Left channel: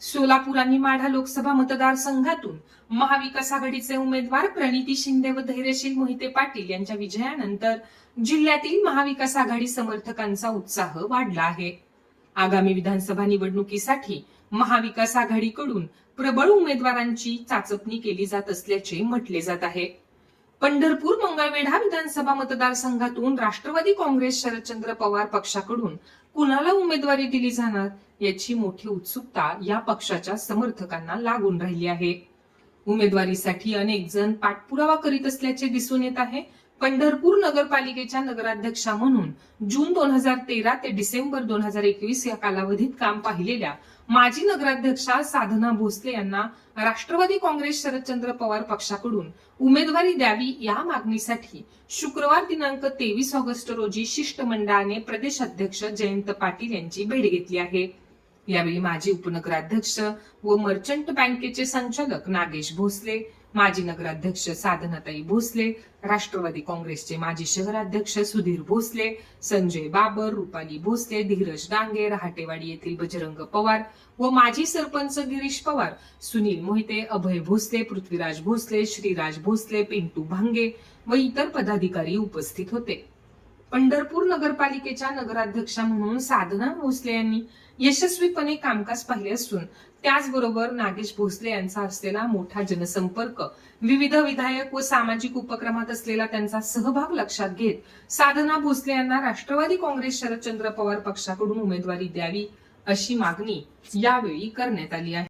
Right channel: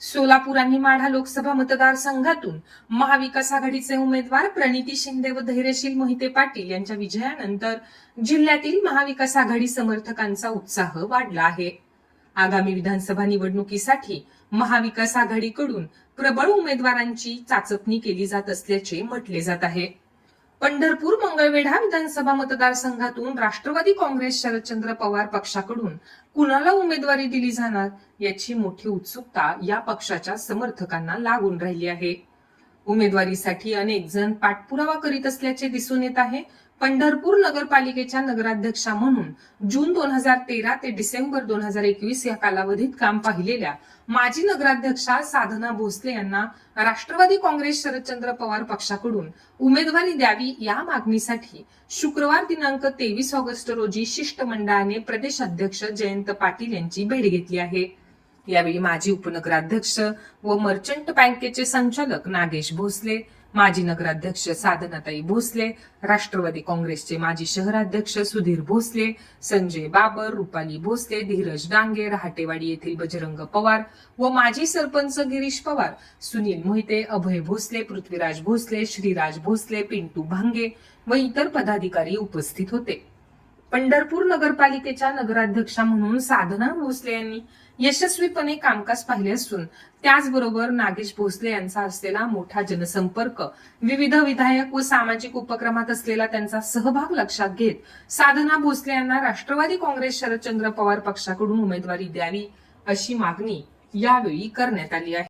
सोलापूर आणि माढा लोकसभा मतदारसंघातून महाविकास आघाडीचे उमेदवार प्रणिती शिंदे व धैर्यशील मोहिते पाटील यांच्या विजयानंतर जिल्ह्यातील महाविकास आघाडी समर्थकांचा उत्साह वाढला आहे. आगामी विधानसभा निवडणुकीसाठी महाविकास आघाडीकडून प्रबळ उमेदवारांची चाचपणी केली जात असल्याचे म्हटले जात आहे. पंढरपूर मंगळवेढा विधानसभा मतदारसंघातून राष्ट्रवादी काँग्रेस शरदचंद्र पवार पक्षाकडून कुणाला उमेदवारी दिली जाणार याची मोठी उत्सुकता या पक्षाच्या समर्थकांना लागून राहिली आहे. उमेदवारीसाठी अनेक जण पाठपुरावा करीत असल्याचे दिसून येत आहे. पंढरपूर नगरपालिकेच्या नगराध्यक्षा म्हणून जून दोन हजार तेरा ते डिसेंबर दोन हजार एकवीस या कालावधीत काम पाहिलेल्या माजी नगराध्यक्षा साधना भोसले यांना राष्ट्रवादी काँग्रेस शरदचंद्र पवार पक्षाकडून उमेदवारी द्यावी या मागणीसाठी शुक्रवार दिनांक तेवीस ऑगस्ट रोजी शिष्टमंडळाने प्रदेश अध्यक्ष जयंत पाटील यांची भेट घेतली आहे. यावेळी माजी उपनगराध्यक्ष व मर्चंट बँकेचे संचालक नागेश भोसले माजी नगराध्यक्ष साधनाताई भोसले राष्ट्रवादी काँग्रेसचे माजी शहराध्यक्ष सुधीर भोसले संजय बाबर रुपाली भोसले धीरज डांगे रहाटेवाडी येथील बजरंग पवार व माजी सरपंच गिरीश पवार सुनील मोहिते अभय भोसले पृथ्वीराज भोसले श्रीराज भोसले पिंटू भांगे व इतर पदाधिकारी उपस्थित होते. पंढरपूर नगरपालिकेच्या नगराध्यक्षा म्हणून साधना भोसले यांनी यशस्वीपणे कामकाज पाहिले असून त्याचबरोबर नागेश भोसले यांचा असलेला मोठा जनसंपर्क विविध विधायक व सामाजिक उपक्रमात असलेला त्यांचा सहभाग लक्षात घेत साधना भोसले यांना राष्ट्रवादी काँग्रेस शरदचंद्र पवार पक्षाकडून उमेदवारी द्यावी अशी मागणी यावेळी करण्यात आली आहे.